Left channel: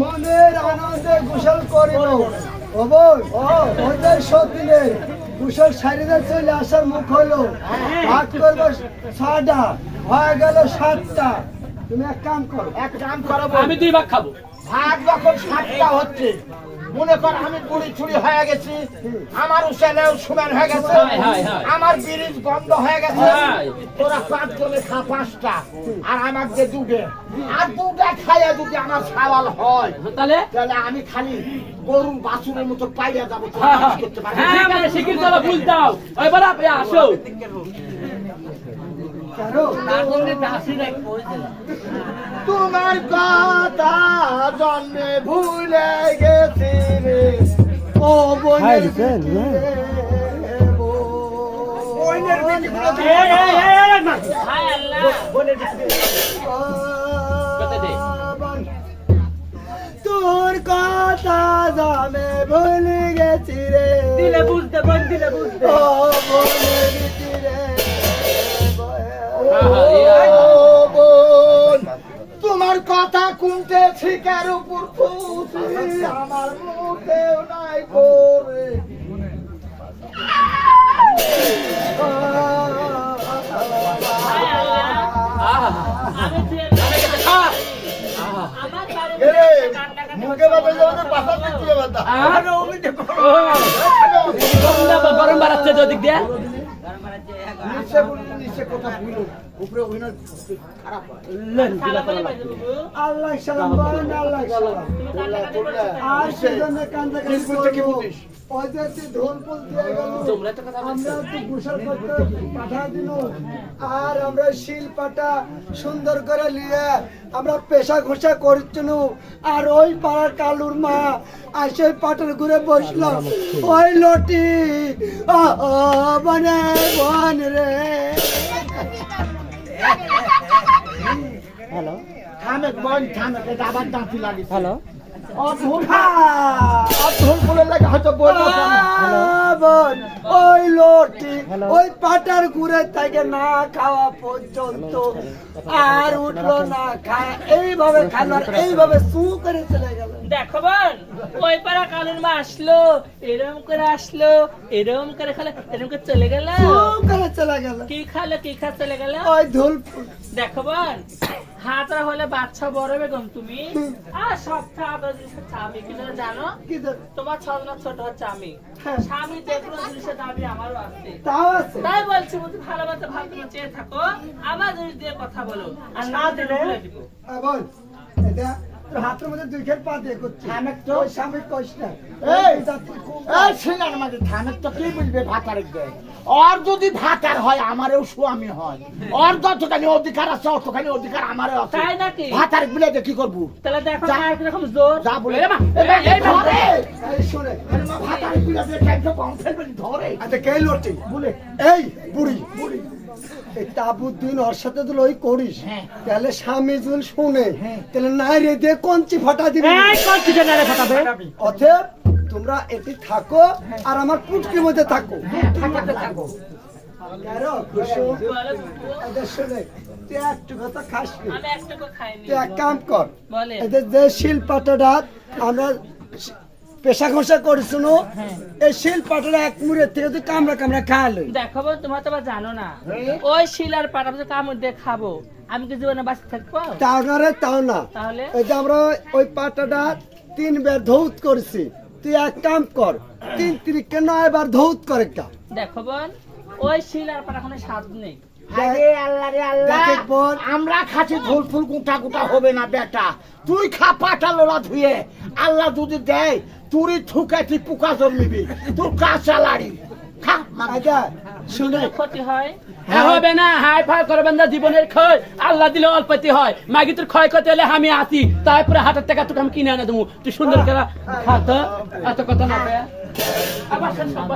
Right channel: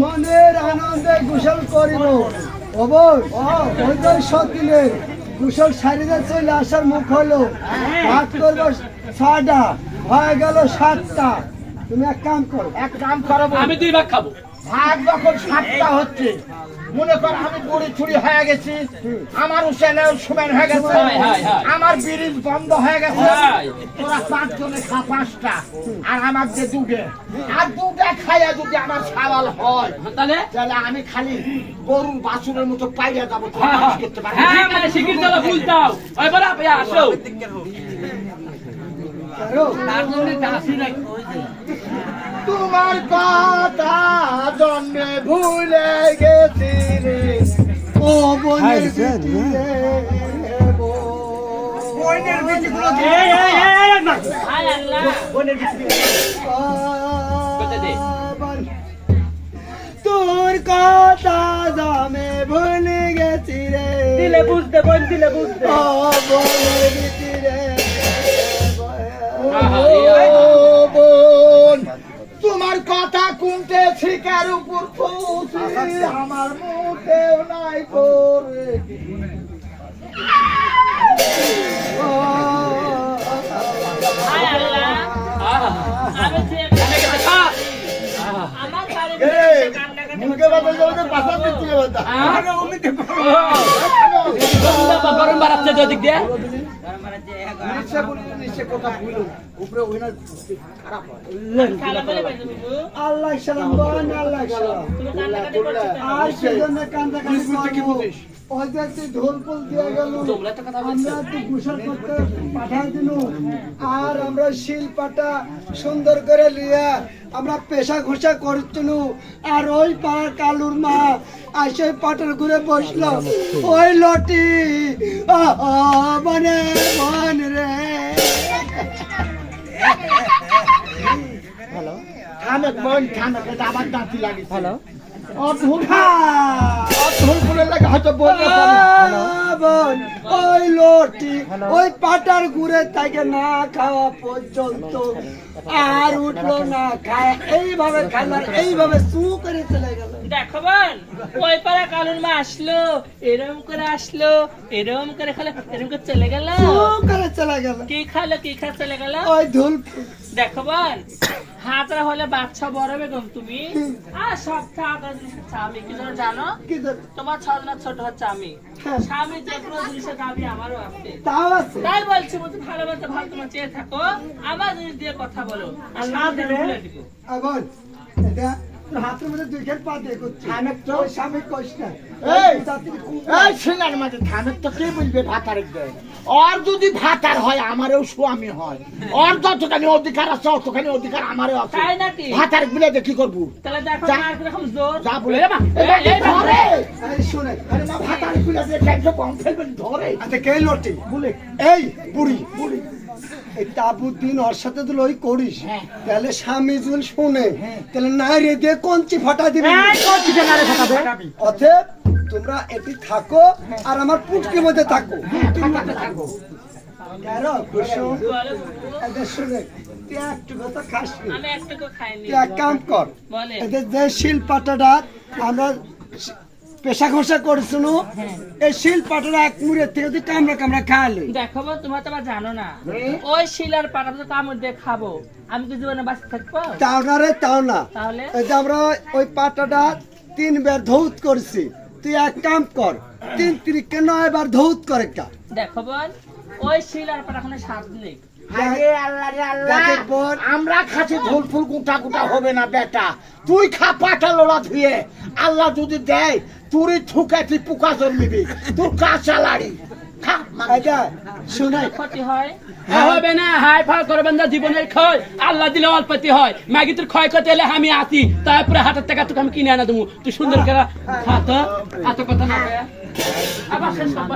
মনের আনন্দে গোসল করিব সকিলের গোসল সারিদা চলে আসার মুখ হলো ভাগ করবো 6টা হয়ে গেল 7টা। তুমি এক কাম করো আমি 2 ভাগ খাবো। ভাগ যখন 7টা হচ্ছে মনে কর আমি বুড়ি ছুড়ি হয়ে গেছি, আমার উসেলেও সুমেন হয়ে গেছে, আমার ব্রিজ বন্ধ হয়ে গেছে, তোরা 5 জনে খা 5টা আর আমার যে 2টে আর 2টা খাইয়া যদি আমার সাওয়াল হয় তাহলে আমি খালি গরু বাছুরের মতো পাইয়া যাবো। হ্যাঁ মানে শিগগির চলো ফুল দাও। ওই বড় আপনি আসো। তোমার কথা জন্মে ভুলে গেছি রে ও বোনের তোর কথা জন্মে ভুলে গেছি রে দিলে বুঝতে ও বোনের ভিতরে তোমার কথা কুনতে শিকার উপর আমার মুখেও নাই করে মুখে গরম বাড়াচ্ছে যদি দিয়ে আল্লাহ সালাম বলেন আল্লাহ সালাম আর সেজন্য কান্দাকাটি ঢোল পোল দিয়ে গেল আমরা একটু গোসল করতে পাঠাই দিল আর আমরা শিল পাটা সুন্দর করে লিয়া আমরা পেশা ঘোষা করছিল আর ওই পাড়ার কালুর মা আর সেই পাটের ঘুরে বসলো ওই লটি বনে বন রে আবার দাঁতি লাগে হ্যালো ওই লটি ওই পাটার ঘুরে তাকে না খাওয়া পর্যন্ত আর উঠলো না খায় এইভাবে খাইলার এইভাবে সু করে চলে গেল। দেখো বোন ওই পাড়া কালুর মা আসলো এরকম করে আসলো এরকম করে খেলে এরকম করে চলে গেল চলে গেল কি খালো কি খা চলে গেল ওই ধুল। দেখো বোন হাতরা হলে বাচ্চা বড় বেগম তুমি আর সব আমি কি যেন জানো তোমার ছজনা ছোট হচ্ছে আমি স্বামী যে কোনো জিনিসের দাবি আমারও আছে তাই বলছি বলছি ভালোবাসা ভালো তোমার চেয়ে থাকো আমার জিনিস দিয়ে কথা বলো আর না দিলে বলে দিব। হাতের মধ্যে 2 খেট পা দিয়ে করছে স্বামী কষ্ট আর যদি ভাতার হয় আমারও স্বামী হয় আর যতখানি অধিকার আছে অতখানি অধিকার আমারও আছে তাই নাকি ভাতার গুলো কি করবো তাহলে দেখো এরকম জোর যা বলে শুনে ভাতার গুলো ধরে আচ্ছা কে লটি বলে এই বুড়ি বুড়ি এই তাবুদ্দিন ওর সাথে তুই ওই করিস হ্যাঁ। তাহলে স্বামী যদি শুনে তাহলে নাই রে দিয়ে কঞ্চি ফাটা দিবি অতএব তোমরা এটি থাকো আর আমার পুটকির মধ্যে থাকো থাকাতে থাকো। কেন খুশি? এটা শুনে তুই একটু কথা খাস নি। আমি একটুকু খাইনি তুই এক কাম কর বলে এদের যে শিলপাটাটা আমরা পেশা ঘষা করেছিল এই শিলপাটাটা এক মুড়ের থেকে তুই কামড়া কামড়া খাওয়ালি দেখো বোন, তোমার তো আবার জানো না ওই শিলার পাটা তো কামড় দিয়ে খাবো, আমি কি জীবনে বাঁচতে থাকবো? তাও না রে তাও না তাহলে এই যে আমরা ওই পাটাটা 3 বার ধৌত করছি তুই এক কাম কর 3 তিরিকে 9 বার ধৌত করে একটা দেখো বোন, ওই শিলার পাটা কোনো স্বাদ নেই। আরে আল্লাহ রে আল্লাহ, দেখে বোন। আমরা খাচ্ছি ঝোল ফুল গুটা গুটা হবে না বেটা, তুই খা পাটা লোড়া ধুয়ে, আল্লাহ যদি দেয় তুই ঠুকে তুই পোকা জন্মিবি, তুই কাঁচা লাড়ি খা। এটা শুনে ক্ষতি হয় হবে না, হাই ফাই করবেন না, জীবনের ক্ষয় আল্লাহ দিলে অল্পতি হয়। মাগি তোর ক্ষয় করতে এলে আমি আসি, তারপরে হাতের টাকা তোকে আমি কিনে আনা দেবো। তুই সুন্দর করে হাত এত কথা না কয়ে। আবার শেষ, আবার